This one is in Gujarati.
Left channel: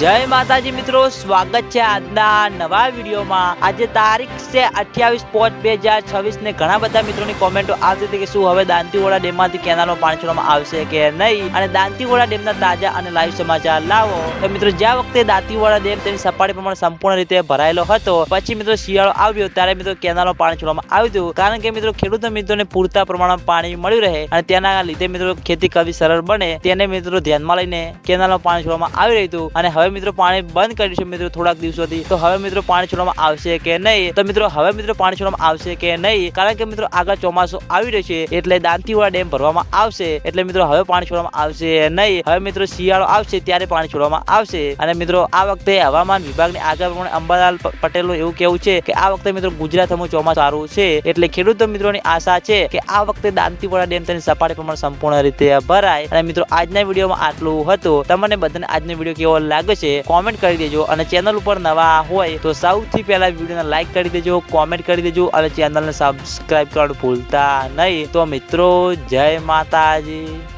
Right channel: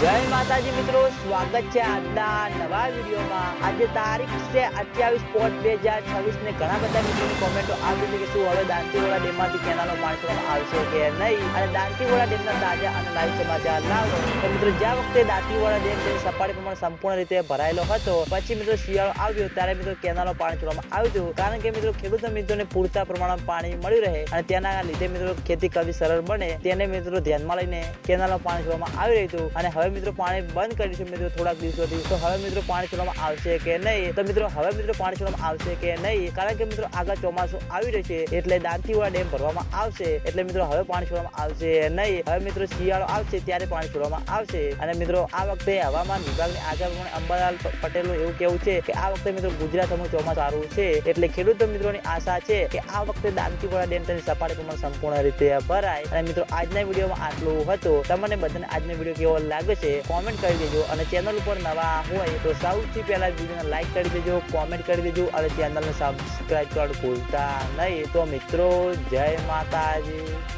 જય માતાજી મિત્રો, સ્વાગત છે આજના નવા વિડીયોમાં। આજે તારીખ છે 28/5/2026 ને ઘણા બધા મિત્રોની કોમેન્ટો આવતી હતી કે શું હવે દાંતીવાડા ડેમમાંથી કેનાલમાં પાણી છોડવામાં આવશે કે નહીં, અને દાંતીવાડા ડેમના તાજા અને લાઈવ સમાચાર લાવો। તો મિત્રો, જ્યાં વખતે દાંતીવાડા ડેમ તેની સપાટી પ્રમાણે સંપૂર્ણ રીતે ભરાયેલો હતો, પછી મિત્રો શિયાળો આવ્યો ત્યારે મિત્રો કેનાલમાં પાણી છોડવામાં આવ્યું હતું, કારણ કે મિત્રો ખેડૂત મિત્રોને પૂરતા પ્રમાણમાં પાણી મળી રહે અને તેના લીધે મિત્રો ખેતી કરવી સરળ બને, તેને મિત્રો ધ્યાનમાં લઈને કેનાલમાં પાણી છોડવામાં આવી રહ્યું હતું। અને હવે મિત્રો પાણી બંધ કર્યું છે મિત્રો થોડાક દિવસોથી, તો હવે મિત્રો પાણી છોડવામાં આવશે કે નહીં? તો મિત્રો હવે મિત્રો પાણી છોડવામાં આવશે કે નહીં, કારણ કે મિત્રો આગળ ચોમાસું આવી રહ્યું છે એટલે દાંતીવાડા ડેમ ભરવામાં આવશે, એટલે મિત્રો હવે પાણી છોડવામાં આવશે નહીં। હવે મિત્રો શિયાળો આવશે ત્યારે પાણી છોડવામાં આવશે। અને મિત્રો આ વખતે હવામાન વિભાગની આગાહી પ્રમાણે અંબાલાલ પટેલનું એવું કહેવું છે કે આ વખતે મિત્રો ગુજરાતમાં ચોમાસું સારું છે, એટલે ખેડૂત મિત્રોની આશા છે કે આ વખતે દાંતીવાડા ડેમ તેની સપાટી પ્રમાણે સંપૂર્ણ રીતે ભરાય। અને મિત્રો આજના વિડીયોમાં આટલું હતું। તમને બધાને આજનો વિડીયો કેવો લાગે છે કોમેન્ટ કરી દેજો, અને ચેનલ ઉપર નવા હોય તો સૌથી પહેલા વિડીયોને લાઈક કરી દેજો, કોમેન્ટ કરી દેજો, અને ચેનલને સબસ્ક્રાઇબ કરવાનું ભૂલતા નહીં। તો મિત્રો, જય માતાજી।